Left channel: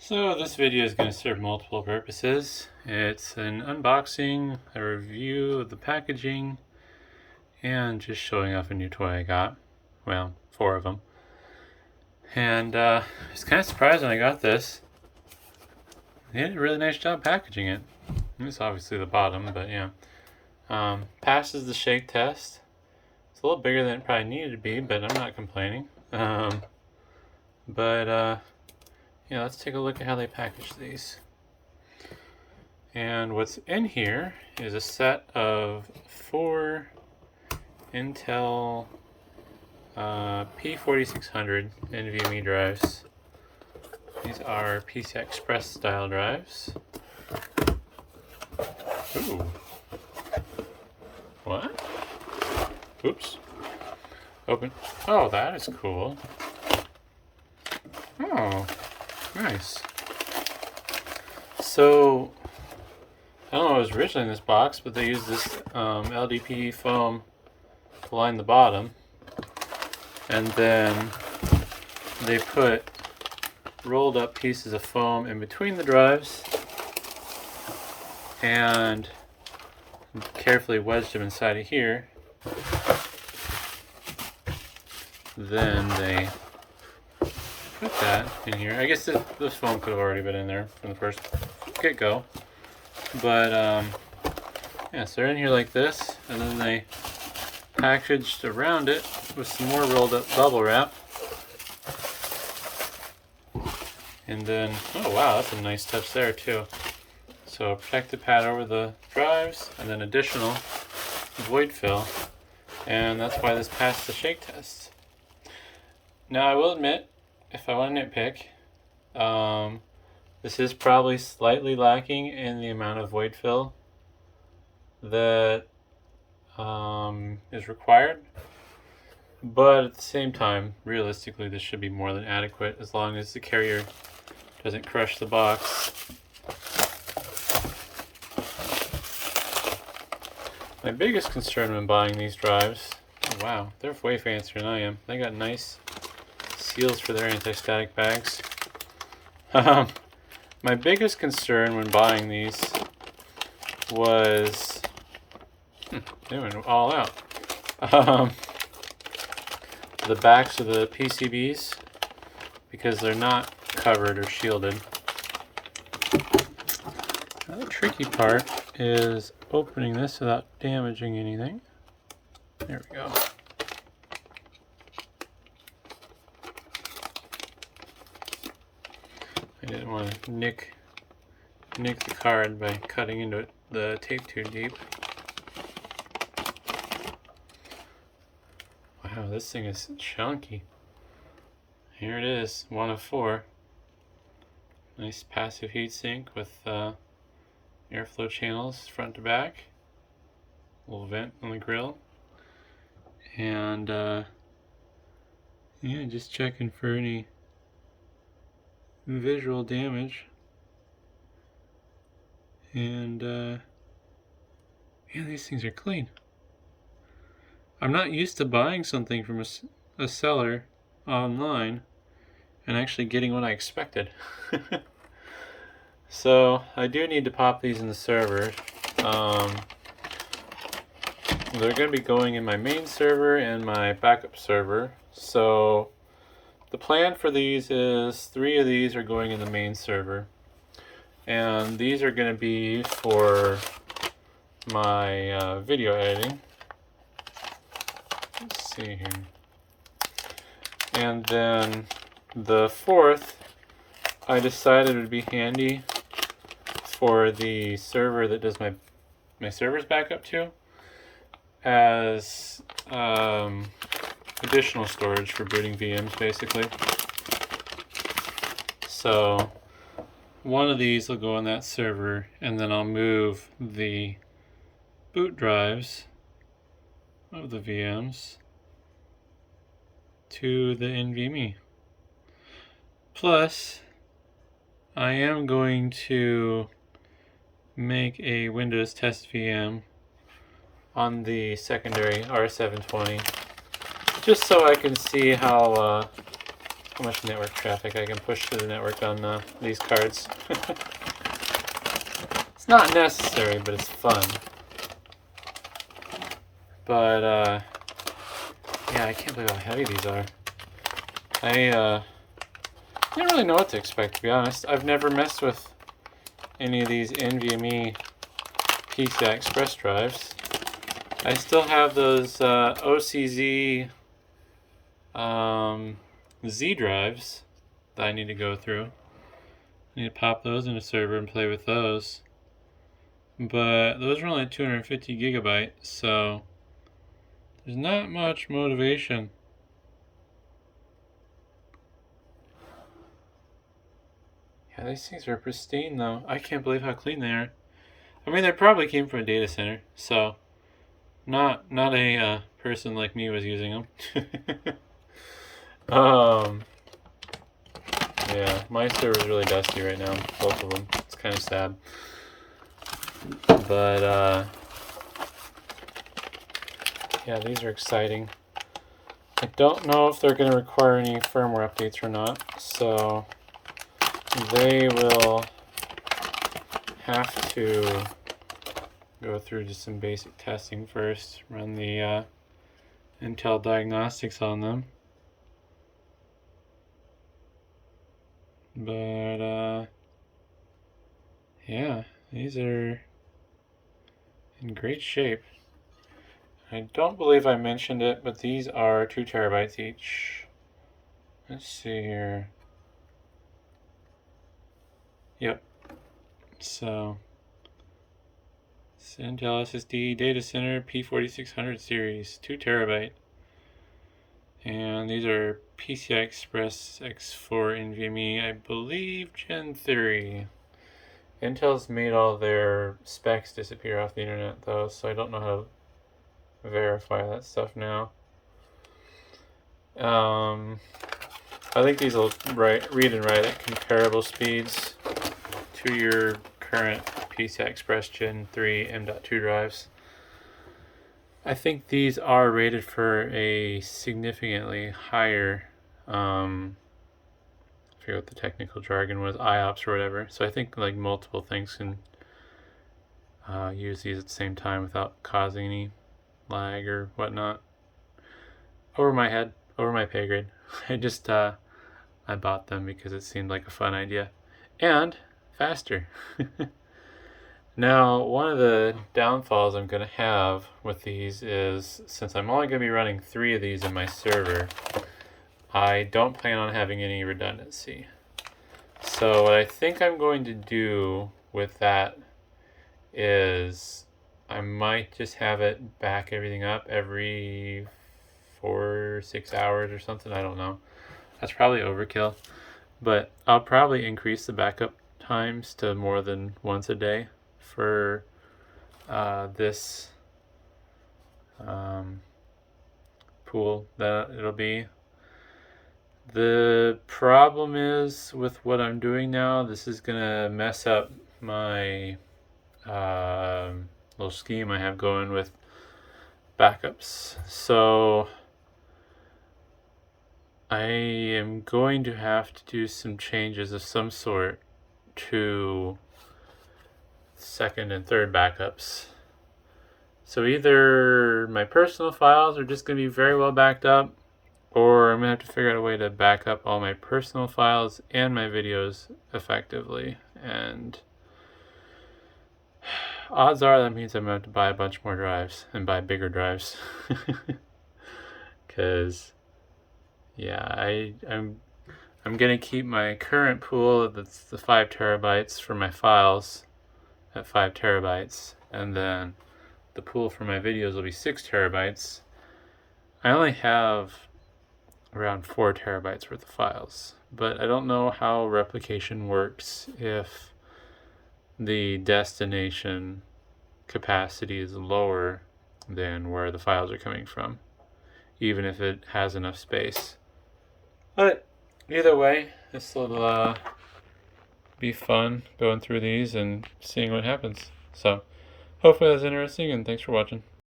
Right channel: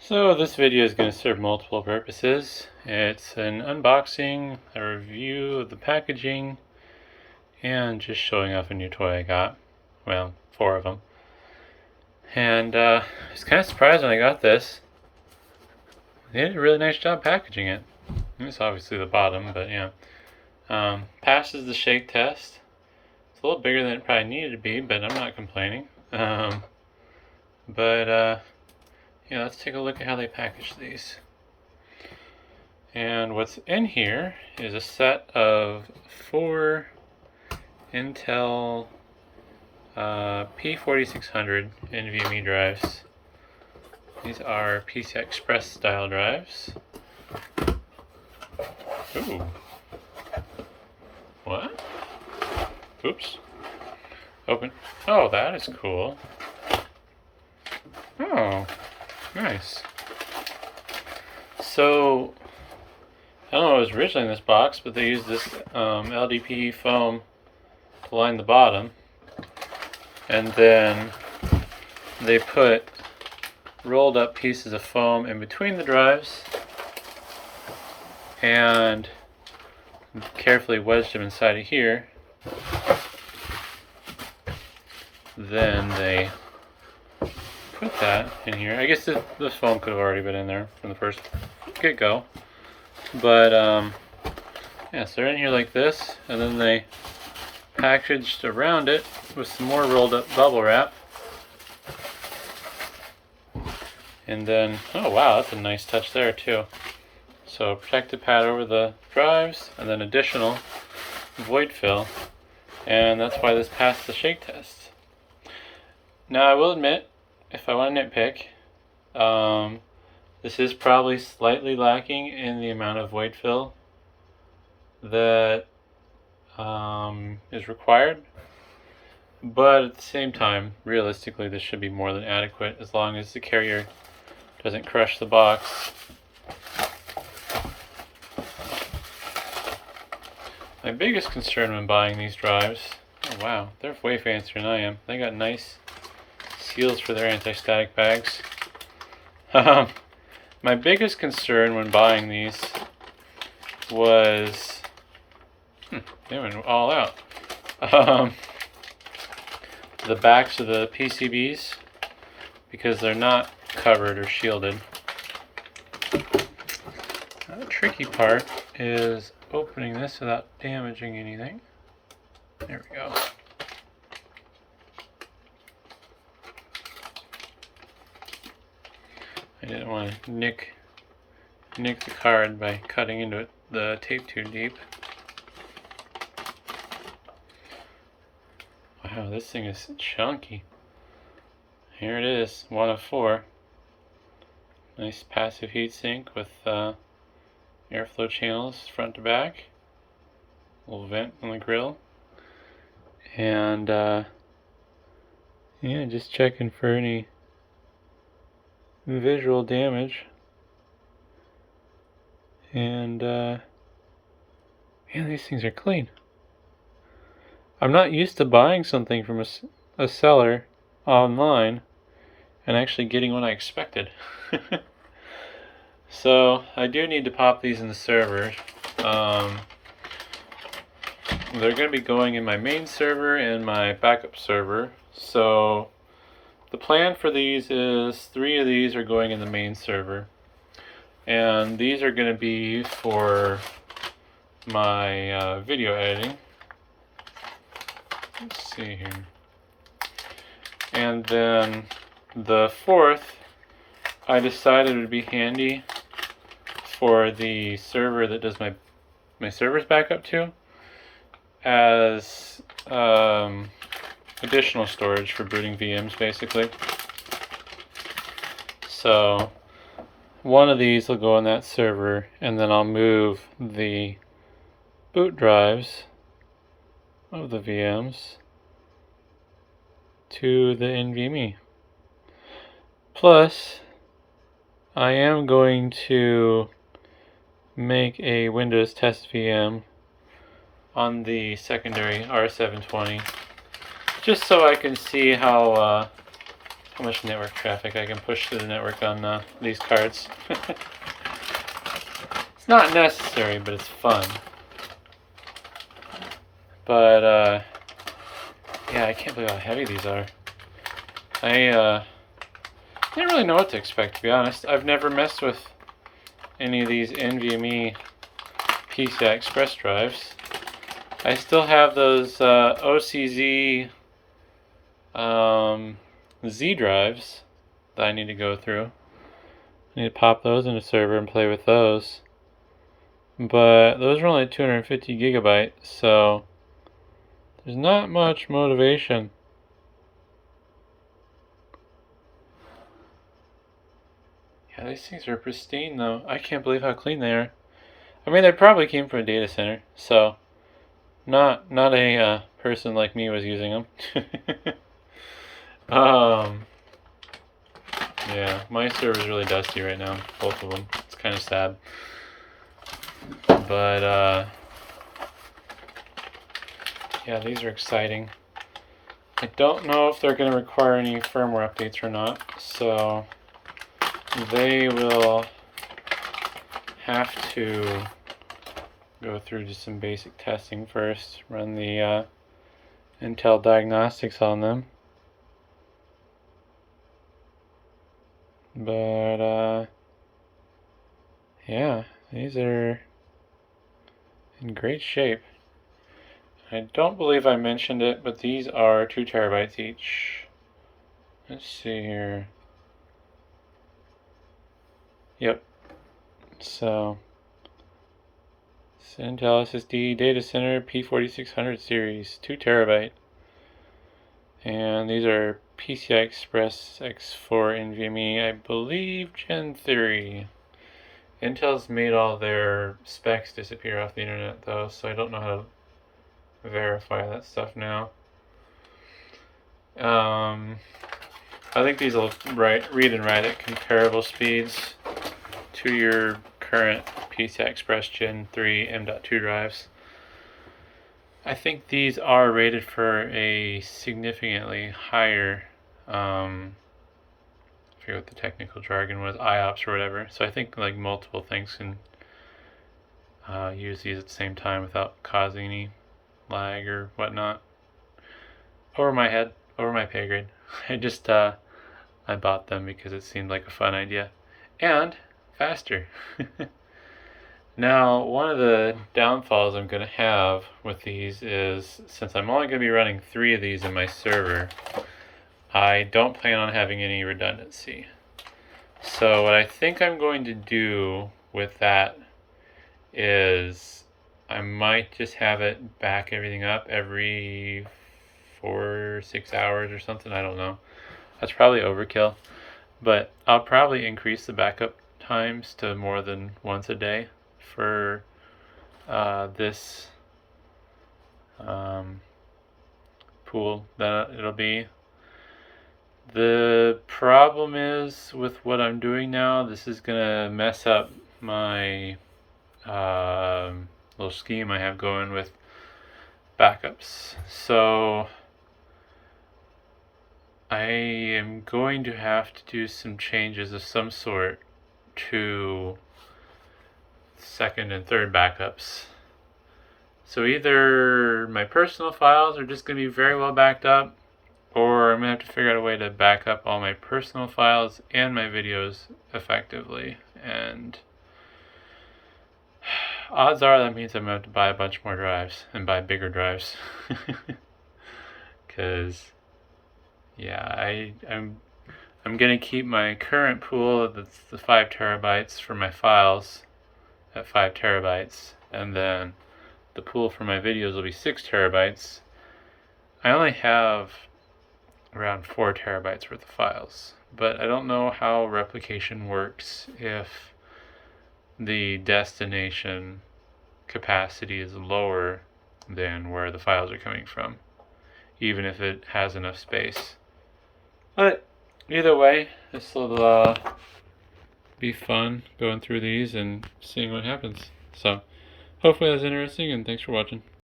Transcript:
So this video is going to serve multiple purposes. It's an unboxing, a review of the packaging, and just showing off a new toy I got. Well, 4 of them. And I was kind of surprised when I got this. They did a really nice job packaging it. It's obviously the bottom, but yeah. Passes the shake test. It's a little bigger than it probably needed to be, but I'm not complaining. Yeah, let's take a look at how they package these. And what's in here is a set of 4 Intel P4600 NVMe drives. These are PCI Express style drives. Ooh. What? Oops. Open. Oh, that is cool. Oh, nice. So, I don't know what was originally in this box, but they used this LDPE foam to line the bottom. And then they put rolled up pieces of foam in between the drives and carefully wedged them inside of here. Then they put that in here. I guess this foam could have already been in there from the first get-go. But, yeah, so they're in here like this, and then they packaged around it with some more rolled up bubble wrap. And then, oh wow, that's a nice touch there too. So protective pad over the drives, and then additional void fill. And that's why this passed the shake test. Now I will admit, if I want to nitpick, this is probably slightly lacking in the amount of void fill that is required. But at the same time, realistically, this should be more than adequate as long as the carrier doesn't crush the box. My biggest concern when buying these drives, oh wow, they're way fancier than I am. They got nice seals for their anti-static bags. My biggest concern when buying these was, they went all out. The backs of the PCBs, because they're not covered or shielded. The tricky part is opening this without damaging anything. There we go. I didn't want to nick the card by cutting into it, the tape too deep. Wow, this thing is chunky. Here it is, 1 of 4. Nice passive heatsink with airflow channels front to back. Little vent on the grill. And yeah, just checking for any visual damage. And man, these things are clean. I'm not used to buying something from a seller online and actually getting what I expected. So I do need to pop these in the server. They're going to be going in my main server and my backup server. So the plan for these is 3 of these are going in the main server. And these are going to be for my video editing. Let's see here. And then the 4th, I decided it would be handy for the server that does my server's backup to, as additional storage for booting VMs, basically. So one of these will go on that server, and then I'll move the boot drives of the VMs to the NVMe. Plus, I am going to make a Windows test VM on the secondary R720, just so I can see how how much network traffic I can push through the network on these cards. It's not necessary, but it's fun. But yeah, I can't believe how heavy these are. I didn't really know what to expect, to be honest. I've never messed with any of these NVMe PCI Express drives. I still have those OCZ Z drives that I need to go through. I need to pop those in a server and play with those. But those are only 250 gigabytes, so there's not much motivation. Yeah, these things are pristine though. I can't believe how clean they are. I mean, they probably came from a data center, so not a person like me was using them. Yeah, my server's really dusty right now, both of them. It's kind of sad. But yeah, these are exciting. I don't know if they're going to require any firmware updates or not, so they will have to go through just some basic testing first, run the Intel diagnostics on them. But yeah, these are in great shape. I don't believe I mentioned it, but these are 2 terabytes each. Let's see here. Yep. So, it's Intel SSD Data Center P4600 series, 2 terabyte. And these are PCI Express X4 NVMe, I believe Gen 3. Intel's made all their specs disappear off the internet though, so I don't know how to verify that stuff now. I think these will read and write at comparable speeds to your current PCI Express Gen 3 M.2 drives. I think these are rated for a significantly higher, I forget what the technical jargon was, IOPS or whatever. So I think like multiple things can use these at the same time without causing any lag or whatnot. Over my head, over my pay grade. I just I bought them because it seemed like a fun idea and faster. Now, one of the downfalls I'm going to have with these is, since I'm only going to be running 3 of these in my server, I don't plan on having any redundancy. So what I think I'm going to do with that is I might just have it back everything up every 4 or 6 hours or something. I don't know. That's probably overkill. But I'll probably increase the backup times to more than once a day for this pool that it'll be. The problem is with what I'm doing now, this is gonna mess up my little scheme I have going with backups. So I am going to have to do some changes of some sort to second and third backups. So either my personal files are just going to be very well backed up, or I'm going to have to figure out a way to back up all my personal files and my videos effectively. And odds are that means I'm going to have to buy a bunch more drives and buy bigger drives. Because yeah, I'm going to keep my current pool, that's the 5 terabytes for my files, at 5 terabytes, and then the pool for my videos will be 6 terabytes. I only have around 4 terabytes worth of files, but I don't know how replication works if the destination capacity is lower than where the files are coming from, even if it has enough space. But either way, this will be fun going through these and seeing what happens. So hopefully that's interesting, and thanks for watching.